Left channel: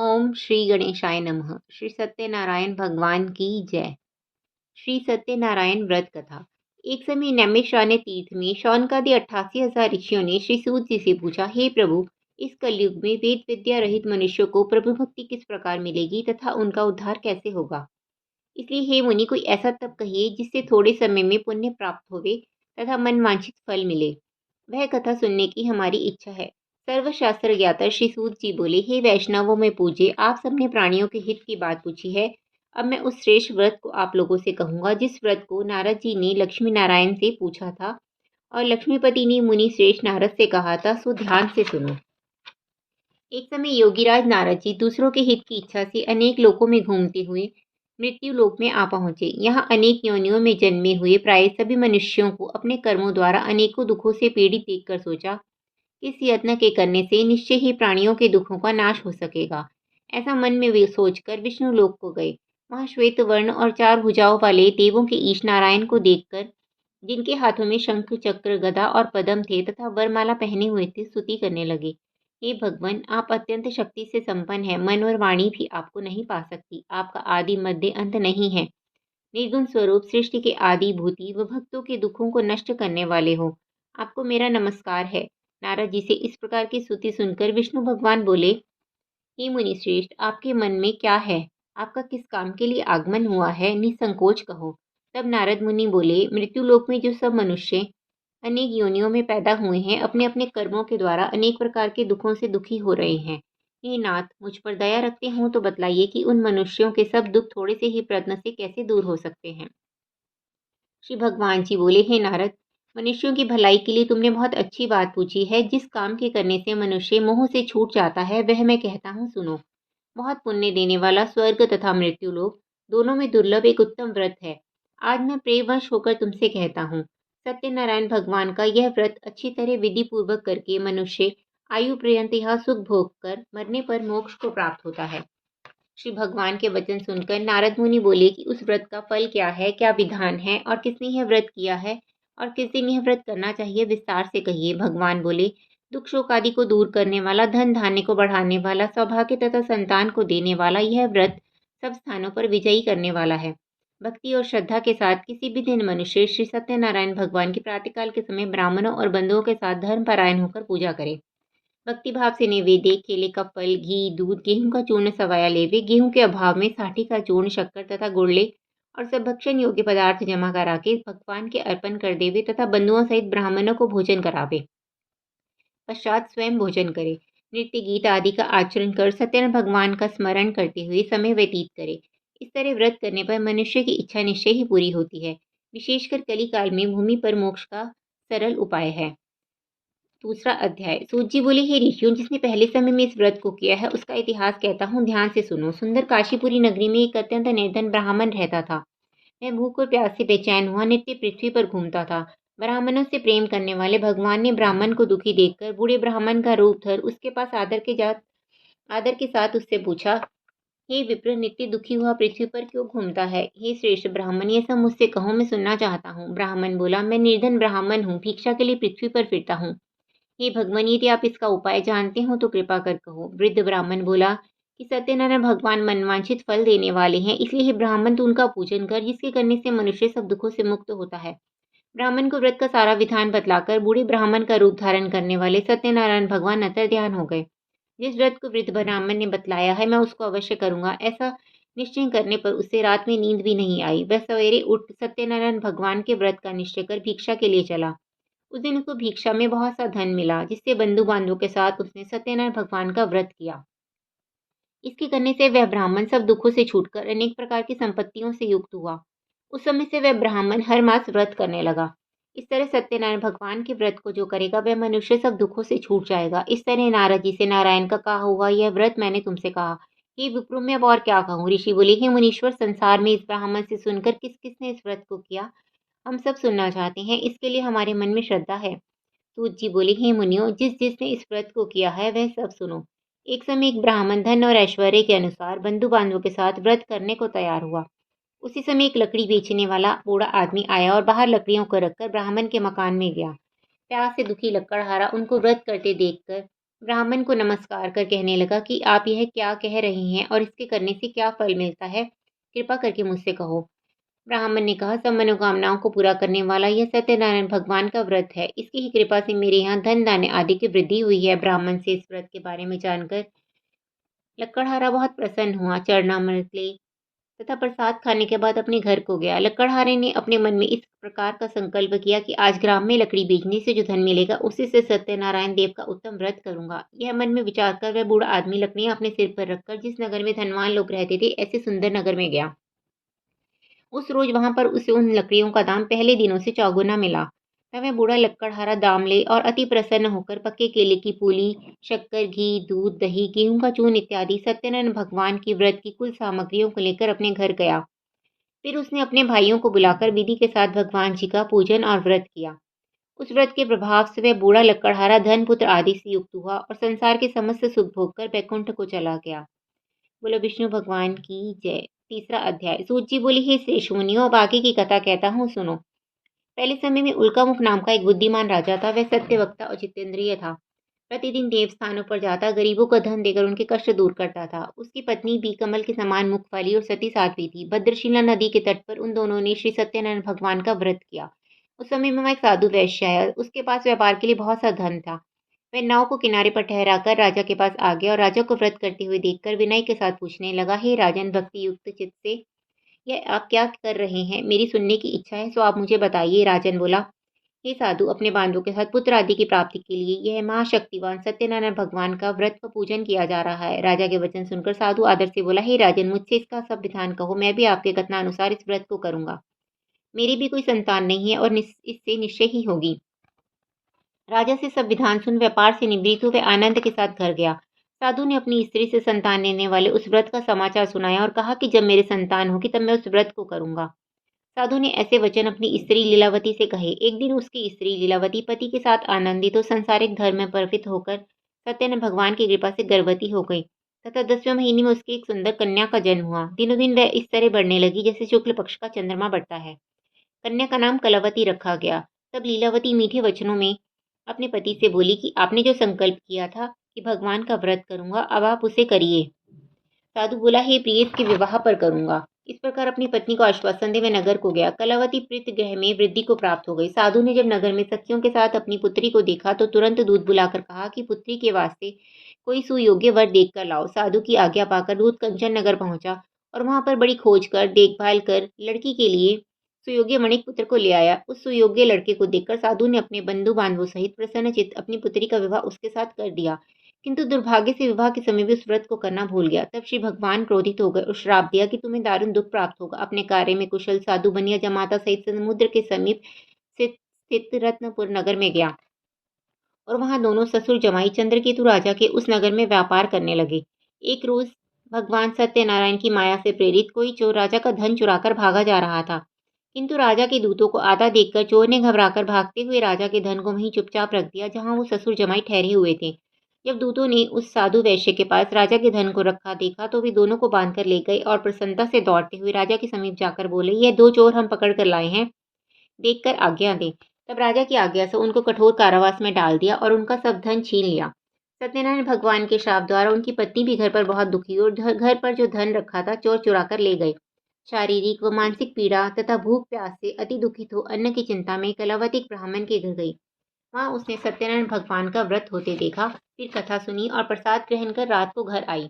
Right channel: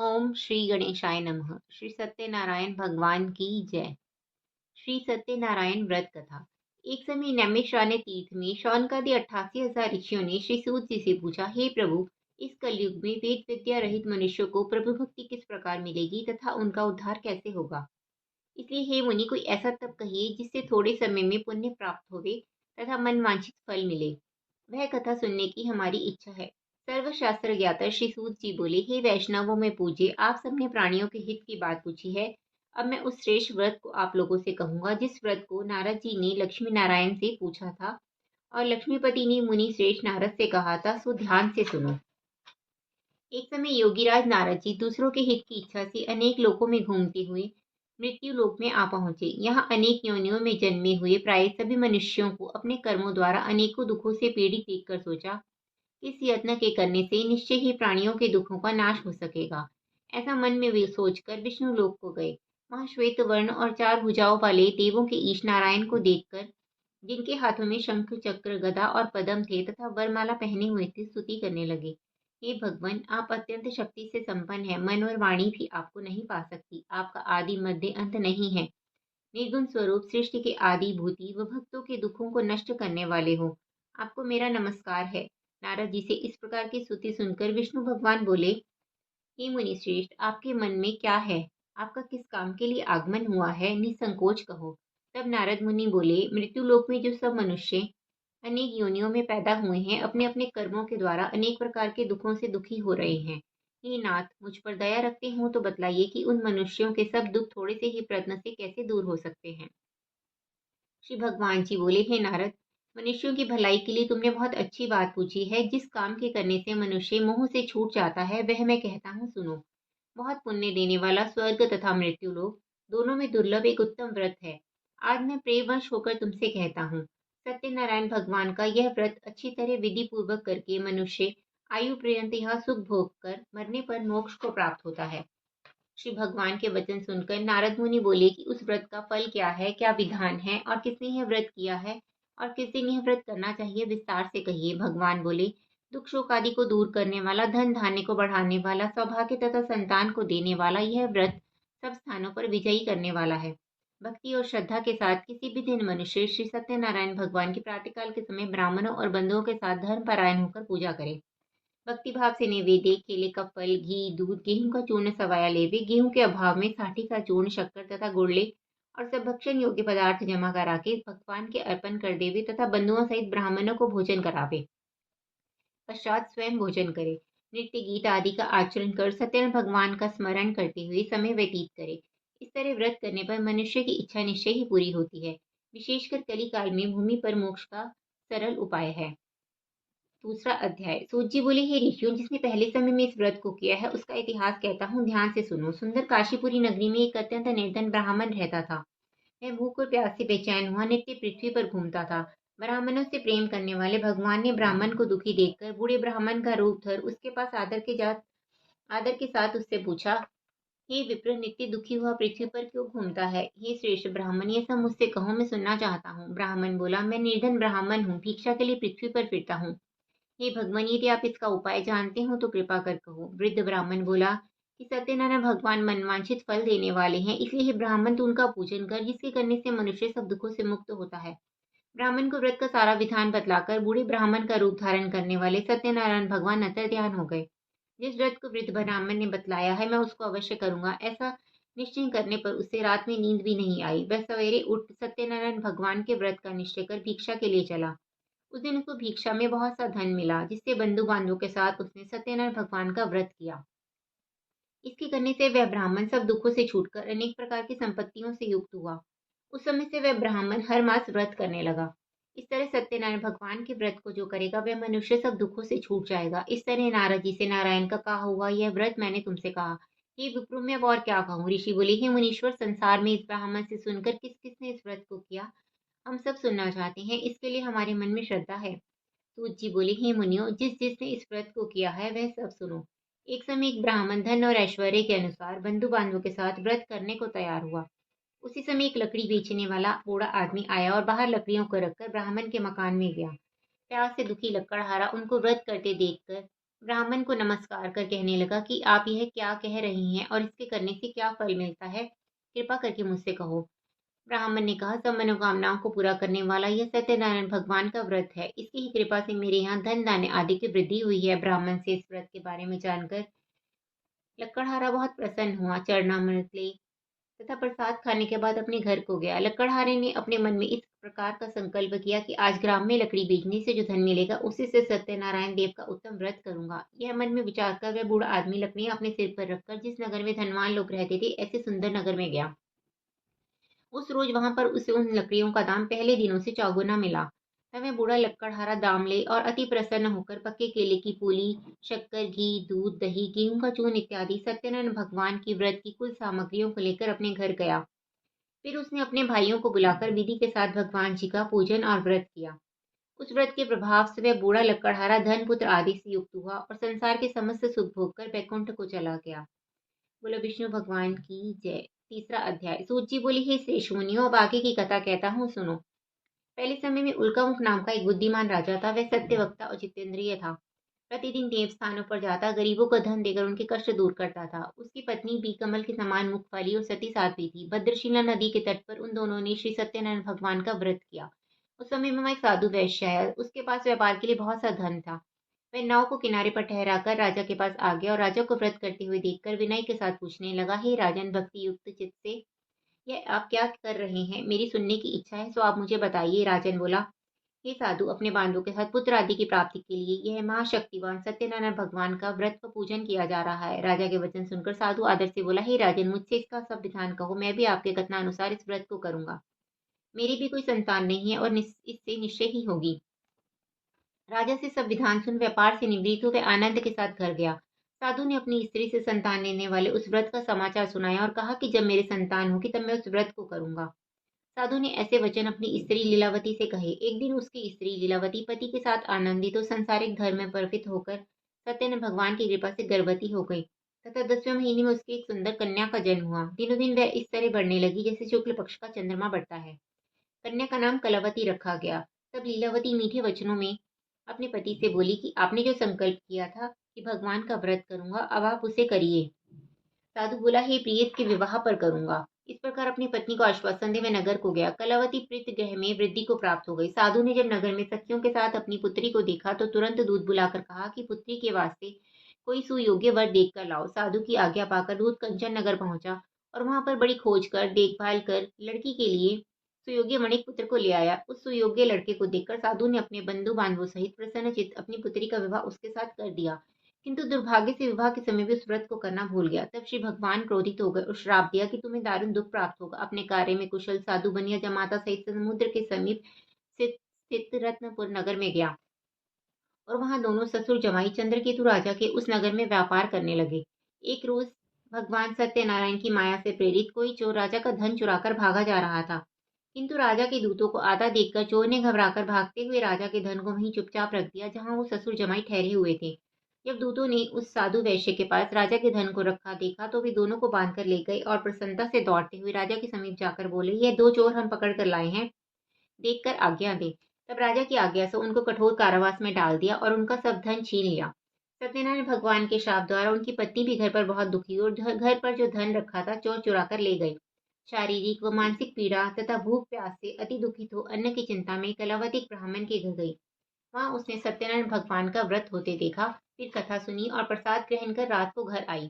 ओम श्री गणेशाय नमः। श्री सत्यनारायण भगवान की जय। श्री सत्यनारायण व्रत कथा। एक समय नैमिषारण्य तीर्थ में शौनकादि 88,000 ऋषियों ने श्री सूत जी से पूछा, हे प्रभु, इस कलयुग में वेद विद्या रहित मनुष्यों को प्रभु भक्ति किस प्रकार मिलेगी तथा उनका उद्धार कैसे होगा। इसलिए हे मुनि, कोई ऐसा तप कहिए जिससे थोड़े समय में पुण्य प्राप्त होवे तथा मनवांछित फल मिले। वह कथा सुनने की हमारी इच्छा है। सर्वशास्त्र ज्ञाता श्री सूत जी बोले, हे वैष्णवों में पूजे, आप सबने प्राणियों के हित की बात पूछी है। अब मैं उस श्रेष्ठ व्रत को आप लोगों से कहूंगा जिस व्रत को नारद जी ने लक्ष्मी नारायण से पूछा था और लक्ष्मीपति ने मुनि श्रेष्ठ नारद से कहा था, सो ध्यान से सुनो। एक समय योगीराज नारद जी दूसरों के हित की इच्छा से अनेक लोकों में घूमते हुए मृत्यु लोक में आ पहुंचे। यहाँ अनेक योनियों में जन्मे हुए प्राय सभी मनुष्यों को अपने कर्मों द्वारा अनेकों दुखों से पीड़ित देखकर सोचा, इस यत्न के करने से निश्चय ही प्राणियों के दुखों का नाश हो सकेगा। ऐसा मन में वे सोचकर विष्णु लोक को गए। वहां श्वेत वर्ण और 4 भुजाओं वाले देवों के ईश नारायण को देखकर, जिनके हाथों में शंख चक्र गदा और पद्म थे तथा वरमाला पहने हुए थे, स्तुति करने लगे। हे भगवान, आप अत्यंत शक्ति से संपन्न है। मन और वाणी भी आपको नहीं पा सकती। आपका आदि मध्य अंत नहीं है। निर्गुण स्वरूप सृष्टि के आदि भूति व भक्तों के दुखों को नष्ट करने वाले हो। आपको मेरा नमस्कार है। नारद जी से इस प्रकार की स्तुति सुनकर विष्णु भगवान बोले, हे मुनि श्रेष्ठ, आपके मन में क्या है? आपका किस काम के लिए आगमन हुआ है? निसंकोच कहो। तब नारद मुनि बोले, मृत्यु लोक में जो सब मनुष्य अनेक योनियों में पैदा हुए हैं, अपने अपने कर्मों के द्वारा अनेक प्रकार के दुखों से दुखी हो रहे हैं। हे नाथ, मुझ पर दया रखते हो तो बतलाइए कि उन मनुष्यों के सब दुख थोड़े से ही प्रयत्न से कैसे दूर हो सकते हैं। श्री भगवान जी बोले, हे नारद, मनुष्यों की भलाई के लिए तुमने बहुत अच्छी बात पूछी है। जिस काम के करने से मनुष्य मोह से छूट जाता है, वह मैं कहता हूँ, सुनो। बहुत पुण्य देने वाला स्वर्ग तथा मृत्यु लोक दोनों में दुर्लभ एक उत्तम व्रत है। आज मैं प्रेमवश होकर तुमसे कहता हूँ, सत्यनारायण भगवान का यह व्रत अच्छी तरह विधि पूर्वक करके मनुष्य आयु पर्यंत यह सुख भोग कर मरने पर मोक्ष को प्राप्त होता है। श्री भगवान के वचन सुनकर नारद मुनि बोले कि उस व्रत का फल क्या है, क्या विधान है और किसने यह व्रत किया है और किस दिन यह व्रत करना चाहिए, विस्तार से कहिए। भगवान बोले, दुख शोक आदि को दूर करने वाला, धन धान्य को बढ़ाने वाला, सौभाग्य तथा संतान को देने वाला यह व्रत सब स्थानों पर विजयी करने वाला है। भक्ति और श्रद्धा के साथ किसी भी दिन मनुष्य श्री सत्यनारायण भगवान की प्रातःकाल के समय ब्राह्मणों और बंधुओं के साथ धर्म परायण होकर पूजा करे। भक्ति भाव से निवेदे, केले का फल, घी, दूध, गेहूं का चूर्ण सवाया लेवे। गेहूं के अभाव में साठी का चूर्ण, शक्कर तथा गुड़ ले और सब भक्षण योग्य पदार्थ जमा करा के भगवान के अर्पण कर देवे तथा बंधुओं सहित ब्राह्मणों को भोजन करावे। पश्चात स्वयं भोजन करे। नृत्य गीत आदि का आचरण कर सत्यनारायण भगवान का स्मरण करते हुए समय व्यतीत करे। इस तरह व्रत करने पर मनुष्य की इच्छा निश्चय ही पूरी होती है। विशेषकर कली काल में भूमि पर मोक्ष का सरल उपाय है। दूसरा अध्याय। सूत जी बोले, हे ऋषियों, जिसने पहले समय में इस व्रत को किया है उसका इतिहास कहता हूँ, ध्यान से सुनो। सुंदर काशीपुरी नगरी में एक अत्यंत निर्धन ब्राह्मण रहता था। वह भूख और प्यास से बेचैन हुआ नित्य पृथ्वी पर घूमता था। ब्राह्मणों से प्रेम करने वाले भगवान ने ब्राह्मण को दुखी देखकर बूढ़े ब्राह्मण का रूप धर उसके पास आदर के साथ उससे पूछा, हे विप्र, नित्य दुखी हुआ पृथ्वी पर क्यों घूमता है? हे श्रेष्ठ ब्राह्मण, ये सब मुझसे कहो, मैं सुनना चाहता हूँ। ब्राह्मण बोला, मैं निर्धन ब्राह्मण हूँ, भिक्षा के लिए पृथ्वी पर फिरता हूँ। हे भगवान, यदि आप इसका उपाय जानते हो तो कृपा कर कहो। वृद्ध ब्राह्मण बोला कि सत्यनारायण भगवान मनवांछित फल देने वाले हैं, इसलिए हे ब्राह्मण, तू उनका पूजन कर, जिसके करने से मनुष्य सब दुखों से मुक्त होता है। ब्राह्मण को व्रत का सारा विधान बतलाकर बूढ़े ब्राह्मण का रूप धारण करने वाले सत्यनारायण भगवान अंतर ध्यान हो गए। जिस व्रत को वृद्ध ब्राह्मण ने बतलाया है, मैं उसको अवश्य करूंगा। ऐसा निश्चय करने पर उससे रात में नींद भी नहीं आई। वह सवेरे उठ सत्यनारायण भगवान के व्रत का निश्चय कर भिक्षा के लिए चला। उस दिन उसको भिक्षा में बहुत सा धन मिला, जिससे बंधु बांधवों के साथ उसने सत्यनारायण भगवान का व्रत किया। इसके करने से वह ब्राह्मण सब दुखों से छूटकर अनेक प्रकार की संपत्तियों से युक्त हुआ। उस समय से वह ब्राह्मण हर मास व्रत करने लगा। इस तरह सत्यनारायण भगवान के व्रत को जो करेगा वह मनुष्य सब दुखों से छूट जाएगा। इस तरह नारद जी से नारायण का कहा हुआ यह व्रत मैंने तुमसे कहा। हे विप्रो, मैं अब और क्या कहूँ? ऋषि बोले, हे मुनीश्वर, संसार में इस ब्राह्मण से सुनकर किस किसने इस व्रत को किया, हम सब सुनना चाहते हैं। इसके लिए हमारे मन में श्रद्धा है। सूत जी बोले, हे मुनियों, जिसने इस व्रत को किया है वह सब सुनो। एक समय एक ब्राह्मण धन और ऐश्वर्य के अनुसार बंधु बांधवों के साथ व्रत करने को तैयार हुआ। उसी समय एक लकड़ी बेचने वाला बूढ़ा आदमी आया और बाहर लकड़ियों को रखकर ब्राह्मण के मकान में गया। प्यास से दुखी लकड़हारा उनको व्रत करते देखकर ब्राह्मण को नमस्कार कर कहने लगा कि आप यह क्या कह रहे हैं और इसके करने से क्या फल मिलता है? कृपा करके मुझसे कहो। ब्राह्मण ने कहा, सब मनोकामनाओं को पूरा करने वाला यह सत्यनारायण भगवान का व्रत है। इसकी ही कृपा से मेरे यहाँ धन धान्य आदि की वृद्धि हुई है। ब्राह्मण से इस व्रत के बारे में जानकर लक्कड़हारा बहुत प्रसन्न हुआ। चरणामृत ले तथा प्रसाद खाने के बाद अपने घर को गया। लक्कड़हारे ने अपने मन में इस प्रकार का संकल्प किया कि आज ग्राम में लकड़ी बेचने से जो धन मिलेगा उसी से सत्यनारायण देव का उत्तम व्रत करूंगा। यह मन में विचार कर वह बूढ़ा आदमी लकड़ियां अपने सिर पर रखकर जिस नगर में धनवान लोग रहते थे ऐसे सुंदर नगर में गया। उस रोज वहां पर उसे उन लकड़ियों का दाम पहले दिनों से चौगुना मिला। तब वह बूढ़ा लक्कड़हारा दाम ले और अति प्रसन्न होकर पक्के केले की पूली, शक्कर, घी, दूध, दही, गेहूं का चूर्ण इत्यादि सत्यनारायण भगवान की व्रत की कुल सामग्रियों को लेकर अपने घर गया। फिर उसने अपने भाइयों को बुलाकर विधि के साथ भगवान जी का पूजन और व्रत किया। उस व्रत के प्रभाव से वह बूढ़ा लक्कड़हारा धन पुत्र आदि से युक्त हुआ और संसार के समस्त सुख भोग कर वैकुंठ को चला गया। बोलो विष्णु भगवान की जय। तीसरा अध्याय। सूत जी बोली, हे श्रेष्ठ मुनियों, अब आगे की कथा कहता हूँ, सुनो। पहले समय में उल्कामुख नाम का एक बुद्धिमान राजा था। वह सत्यवक्ता और जितेंद्रिय था। प्रतिदिन देव स्थानों पर जाता गरीबों को धन देकर उनके कष्ट दूर करता था। उसकी पत्नी भी कमल के समान मुख वाली और सती साध्वी थी। भद्रशिला नदी के तट पर उन दोनों ने श्री सत्यनारायण भगवान का व्रत किया। उस समय में वहाँ एक साधु वैश्य आया। उसके पास व्यापार के लिए बहुत सा धन था। वह नाव को किनारे पर ठहराकर राजा के पास आ गया और राजा को व्रत करते हुए देखकर विनय के साथ पूछने लगा, हे राजन, भक्ति युक्त चित्त से यह आप क्या कर रहे हैं? मेरी सुनने की इच्छा है, सो आप मुझे बताइए। राजन बोला, हे साधु, अपने बांधवों के साथ पुत्र आदि की प्राप्ति के लिए यह महाशक्तिवान सत्यनारायण भगवान का व्रत व पूजन किया जा रहा है। राजा के वचन सुनकर साधु आदर से बोला, हे राजन, मुझसे इसका सब विधान कहो, मैं भी आपके कथनानुसार इस व्रत को करूंगा। मेरी भी कोई संतान नहीं है और इससे निश्चय ही होगी। राजा से सब विधान सुन व्यापार से निवृत्त हुए आनंद के साथ घर गया। साधु ने अपनी स्त्री से संतान लेने वाले उस व्रत का समाचार सुनाया और कहा कि जब मेरे संतान होगी तब मैं उस व्रत को करूंगा। साधु ने ऐसे वचन अपनी स्त्री लीलावती से कहे। एक दिन उसकी स्त्री लीलावती पति के साथ आनंदित और सांसारिक धर्म में प्रवृत्त होकर सत्यनारायण भगवान की कृपा से गर्भवती हो गई तथा 10वें महीने में उसकी एक सुंदर कन्या का जन्म हुआ। दिनों दिन वह इस तरह बढ़ने लगी जैसे शुक्ल पक्ष का चंद्रमा बढ़ता है। कन्या का नाम कलावती रखा गया। तब लीलावती मीठे वचनों में अपने पति से बोली कि आपने जो संकल्प किया था कि भगवान का व्रत करूंगा, अब आप उसे करिए। साधु बोला, हे प्रिय, इसके विवाह पर करूंगा। इस प्रकार अपनी पत्नी को आश्वासन दे वह नगर को गया। कलावती प्रीत गृह में वृद्धि को प्राप्त हो गई। साधु ने जब नगर में सखियों के साथ अपनी पुत्री को देखा तो तुरंत दूध बुलाकर कहा कि पुत्री के वास्ते कोई सुयोग्य वर देख कर लाओ। साधु की आज्ञा पाकर दूध कंचन नगर पहुंचा और वहां पर बड़ी खोज कर देखभाल कर लड़की के लिए सुयोग्य मणिक पुत्र को ले आया। उस सुयोग्य लड़के को देखकर साधु ने अपने बंधु बांधवों सहित प्रसन्नचित्त अपनी पुत्री का विवाह उसके साथ कर दिया। किंतु दुर्भाग्य से विवाह के समय भी उस व्रत को करना भूल गया। तब श्री भगवान क्रोधित हो गए और श्राप दिया कि तुम्हें दारुण दुख प्राप्त होगा। अपने कार्य में कुशल साधु बनिया जमाता सहित समुद्र के समीप स्थित रत्नपुर नगर में गया और वहां दोनों ससुर जमाई चंद्रकेतु राजा के उस नगर में व्यापार करने लगे। एक रोज भगवान सत्यनारायण की माया से प्रेरित कोई चोर राजा का धन चुराकर भागा जा रहा था। किंतु राजा के दूतों को आधा देखकर चोर ने घबराकर भागते हुए राजा के धन को वहीं चुपचाप रख दिया जहां वो ससुर जमाई ठहरे हुए थे। जब दूतों ने उस साधु वैश्य के पास राजा के धन को रखा देखा तो वे दोनों को बांधकर ले गए और प्रसन्नता से दौड़ते हुए राजा के समीप जाकर बोले, ये दो चोर हम पकड़ कर लाए हैं, देखकर आज्ञा दे। तब राजा की आज्ञा से उनको कठोर कारावास में डाल दिया और उनका सब धन छीन लिया। सत्यनारायण भगवान के श्राप द्वारा उनकी पत्नी भी घर पर बहुत दुखी हुई और घर पर जो धन रखा था चोर चुरा कर ले गए। शारीरिक व मानसिक पीड़ा तथा भूख प्यास से अति दुखित हो अन्न की चिंता में कलावती एक ब्राह्मण के घर गई। वहां उसने सत्यनारायण भगवान का व्रत होते देखा, फिर कथा सुनी और प्रसाद ग्रहण कर रात को घर आई।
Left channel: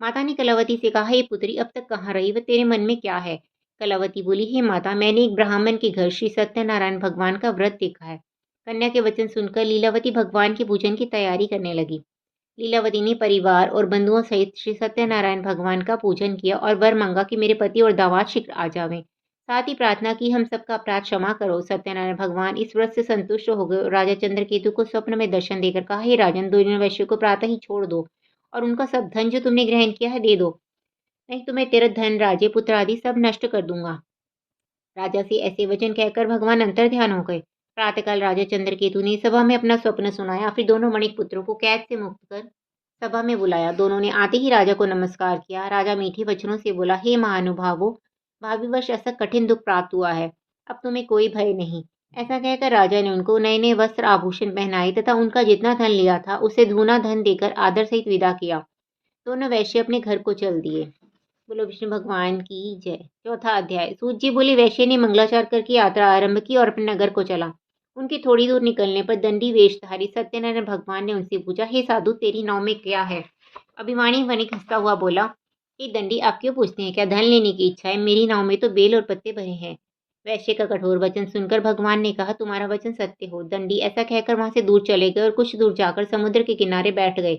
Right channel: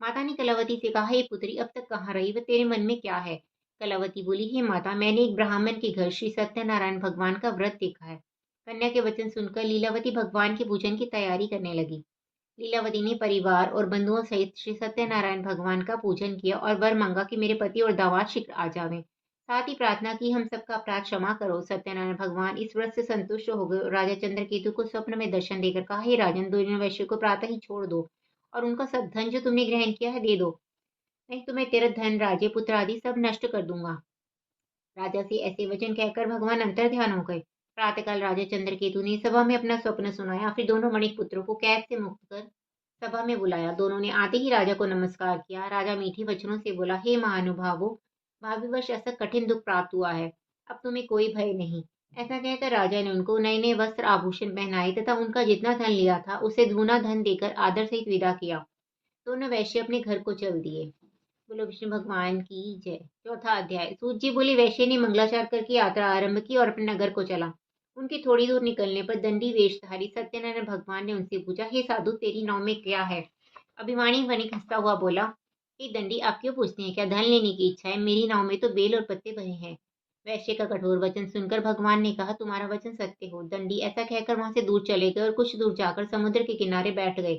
माता ने कलावती से कहा, हे पुत्री, अब तक कहाँ रही व तेरे मन में क्या है? कलावती बोली, हे माता, मैंने एक ब्राह्मण के घर श्री सत्यनारायण भगवान का व्रत देखा है। कन्या के वचन सुनकर लीलावती भगवान के पूजन की तैयारी करने लगी। लीलावती ने परिवार और बंधुओं सहित श्री सत्यनारायण भगवान का पूजन किया और वर मांगा कि मेरे पति और दामाद शीघ्र आ जावें। साथ ही प्रार्थना की, हम सबका अपराध क्षमा करो। सत्यनारायण भगवान इस व्रत से संतुष्ट हो गए और राजा चंद्रकेतु को स्वप्न में दर्शन देकर कहा, हे राजन, दोनों वैश्य को प्रातः ही छोड़ दो और उनका सब धन जो तुमने ग्रहण किया है दे दो, नहीं तो मैं तेरा धन, राज्य, पुत्र आदि सब नष्ट कर दूंगा। राजा से ऐसे वचन कहकर भगवान अंतर ध्यान हो गए। प्रातःकाल राजा चंद्रकेतु ने सभा में अपना स्वप्न सुनाया। फिर दोनों मणिक पुत्रों को कैद से मुक्त कर सभा में बुलाया। दोनों ने आते ही राजा को नमस्कार किया। राजा मीठे वचनों से बोला, हे महानुभावो, भाग्यवश ऐसा कठिन दुख प्राप्त हुआ है, अब तुम्हें कोई भय नहीं। ऐसा कहकर राजा ने उनको नए नए वस्त्र आभूषण पहनाए तथा उनका जितना धन लिया था उसे दूना धन देकर आदर सहित विदा किया। दोनों वैश्य अपने घर को चल दिए। बोलो विष्णु भगवान की जय। चौथा अध्याय। सूत जी बोली, वैश्य ने मंगलाचार करके यात्रा आरंभ की और अपने नगर को चला। उनकी थोड़ी दूर निकलने पर दंडी वेशधारी सत्यनारायण भगवान ने उनसे पूछा, हे साधु, तेरी नाव में क्या है? अभिमानी वणिक हंसता हुआ बोला, हे दंडी, आप क्यों पूछते हैं? क्या धन लेने की इच्छा है? मेरी नाव में तो बेल और पत्ते भरे हैं। वैश्य का कठोर वचन सुनकर भगवान ने कहा, तुम्हारा वचन सत्य हो। दंडी ऐसा कहकर वहां से दूर चले गए और कुछ दूर जाकर समुद्र के किनारे बैठ गए।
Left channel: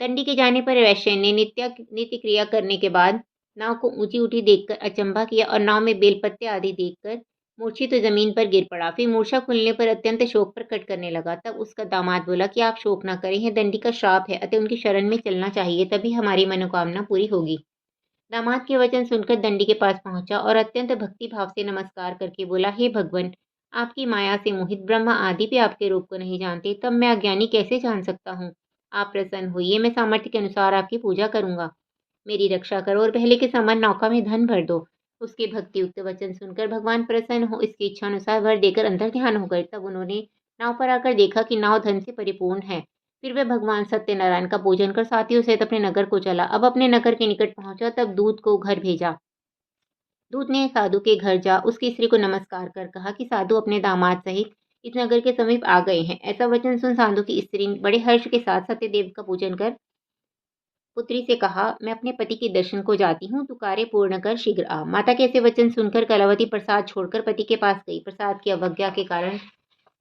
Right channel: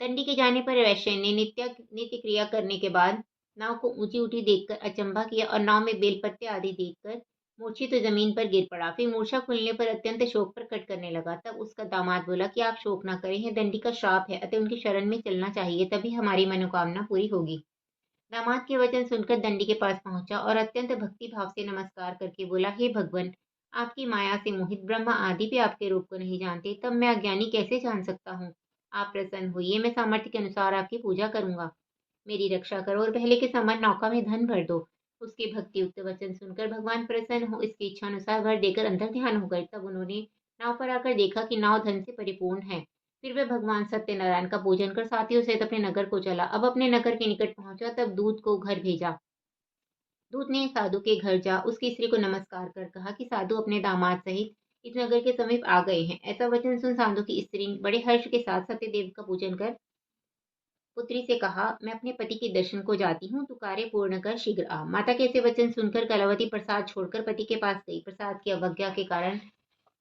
दंडी के जाने पर वैश्य ने नित्य क्रिया करने के बाद नाव को ऊंची उठी देखकर अचंभा किया और नाव में बेलपत्ते आदि देखकर मूर्छित तो जमीन पर गिर पड़ा। फिर मूर्छा खुलने पर अत्यंत शोक प्रकट करने लगा। तब उसका दामाद बोला कि आप शोक न करें, यह दंडी का श्राप है, अतः उनकी शरण में चलना चाहिए, तभी हमारी मनोकामना पूरी होगी। दामाद के वचन सुनकर दंडी के पास पहुंचा और अत्यंत भक्ति भाव से नमस्कार करके बोला, हे भगवान, आपकी माया से मोहित ब्रह्मा आदि भी आपके रूप को नहीं जानते, तब मैं अज्ञानी कैसे जान सकता हूँ? आप प्रसन्न होइए, मैं सामर्थ्य के अनुसार आपकी पूजा करूंगा। मेरी रक्षा करो और पहले के समान नौका में धन भर दो। उसके भक्ति युक्त वचन सुनकर भगवान प्रसन्न हो इसकी इच्छा अनुसार भर देकर अंतर ध्यान हो गए। तब उन्होंने नाव पर आकर देखा कि नाव धन से परिपूर्ण है। फिर वह भगवान सत्यनारायण का पूजन कर साथियों सहित अपने नगर को चला। अब अपने नगर के निकट पहुंचा तब दूत को घर भेजा। दूत ने साधु के घर जा उसकी स्त्री को नमस्कार कर कहा कि साधु अपने दामाद सहित इस नगर के समीप आ गए हैं। ऐसा वचन सुन साधु की स्त्री बड़े हर्ष के साथ सत्यदेव का पूजन कर पुत्री से कहा, मैं अपने पति के दर्शन को जाती हूँ, तू कार्य पूर्ण कर शीघ्र आ। माता के ऐसे वचन सुनकर कलावती प्रसाद छोड़कर पति के पास गई। प्रसाद की अवज्ञा के कारण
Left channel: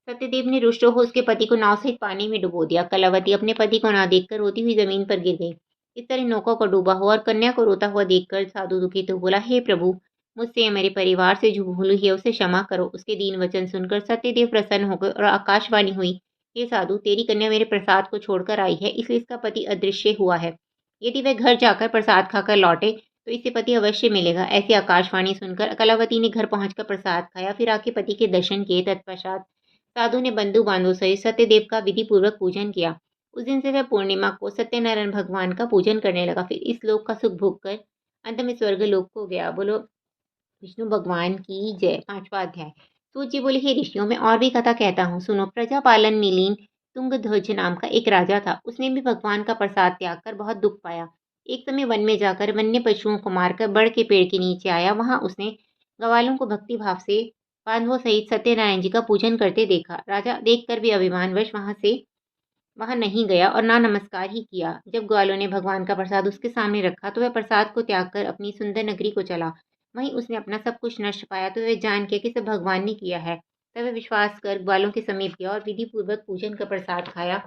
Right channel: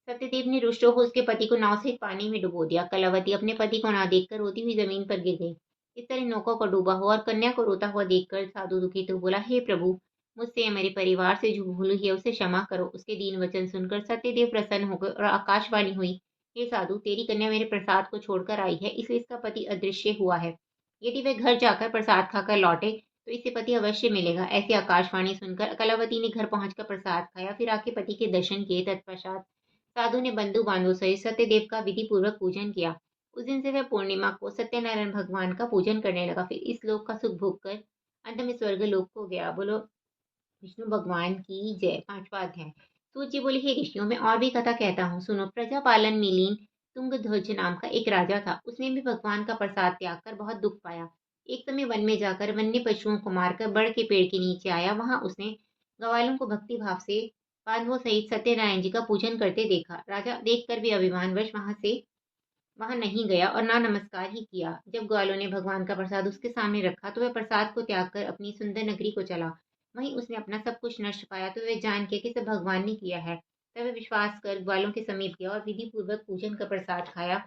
सत्यदेव ने रुष्ट होकर उसके पति को नाव सहित पानी में डुबो दिया। कलावती अपने पति को ना देखकर रोती हुई जमीन पर गिर गई। इस तरह नौका को डूबा हुआ और कन्या को रोता हुआ देखकर साधु दुखी तो बोला, हे प्रभु, मुझसे या मेरे परिवार से जो भूल हुई है उसे क्षमा करो। उसके दीन वचन सुनकर सत्यदेव प्रसन्न हो गए और आकाशवाणी हुई, हे साधु, तेरी कन्या मेरे प्रसाद को छोड़कर आई है, इसलिए इसका पति अदृश्य हुआ है। यदि वह घर जाकर प्रसाद खाकर लौटे तो इसे पति अवश्य मिलेगा। ऐसी आकाशवाणी सुनकर कलावती ने घर पहुंचकर प्रसाद खाया, फिर आके पति के दर्शन किए। तत्पश्चात साधु ने बंधु बांधव सहित सत्यदेव का विधि पूर्वक पूजन किया। उस दिन से वह पूर्णिमा को सत्यनारायण भगवान का पूजन करने लगा। फिर इस लोक का सुख भोग कर अंत में स्वर्ग लोक को गया। बोलो विष्णु भगवान की जय। पांचवा अध्याय। सूत जी बोले, हे ऋषियों, मैं और भी कथा कहता हूँ, सुनो। प्रजापालन में लीन तुंगध्वज नाम का एक राजा था। उसने भी भगवान का प्रसाद त्याग कर बहुत दुख पाया। एक समय वन में जाकर वन्य पशुओं को मारकर बड़ के पेड़ के नीचे आया। वहां उसने ग्वालों को भक्ति भाव से बांधवों सहित सत्यनारायण जी का पूजन करते देखा। राजा देखकर भी अभिमानवश वहां नहीं गया और ना नमस्कार ही किया। जब ग्वालों ने भगवान का प्रसाद उसके सामने रखा तो वह प्रसाद को त्याग कर अपनी सुंदर नगरी को चला। वहीं उसने अपना सब कुछ नष्ट पाया तो वह जान के कि सब भगवान ने किया है, तब वह विश्वास कर ग्वालों के समीप गया और विधि पूर्वक पूजन का प्रसाद खाया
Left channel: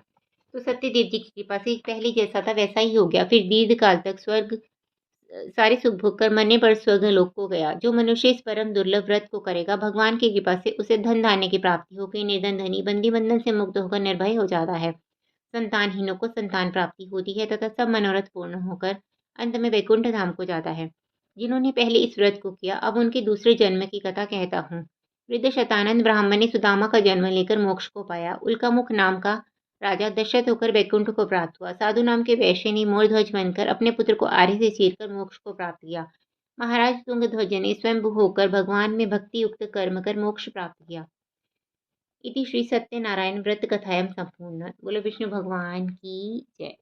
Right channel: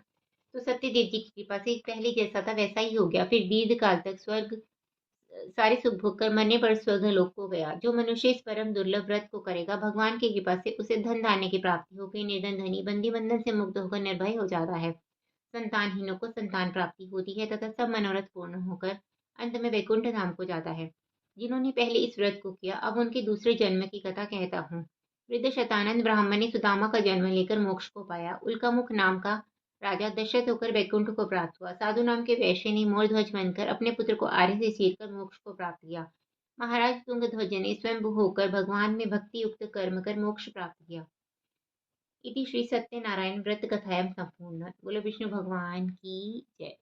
तो सत्यदेव जी की कृपा से पहले जैसा था वैसा ही हो गया। फिर दीर्घ काल तक सारे सुख भोग कर मरने पर स्वर्ग लोक को गया। जो मनुष्य इस परम दुर्लभ व्रत को करेगा, भगवान की कृपा से उसे धन धान्य की प्राप्ति हो गई। निर्धन धनी बंदी बंधन से मुक्त होकर निर्भय हो जाता है। संतानहीनों को संतान प्राप्ति होती है तथा सब मनोरथ पूर्ण होकर अंत में वैकुंठ धाम को जाता है। जिन्होंने पहले इस व्रत को किया, अब उनके दूसरे जन्म की कथा कहता हूँ। वृद्ध शतानंद ब्राह्मण ने सुदामा का जन्म लेकर मोक्ष को पाया। उल्कामुख नाम का राजा दशरथ होकर वैकुंठ को प्राप्त हुआ। साधु नाम के वैश्य ने मोरध्वज बनकर अपने पुत्र को आर्य से चीरकर मोक्ष को प्राप्त किया। महाराज तुंगध्वज ने स्वयं होकर भगवान में भक्ति युक्त कर्म कर मोक्ष प्राप्त किया। इति श्री सत्यनारायण व्रत कथायां संपूर्ण। बोलो विष्णु भगवान की जय।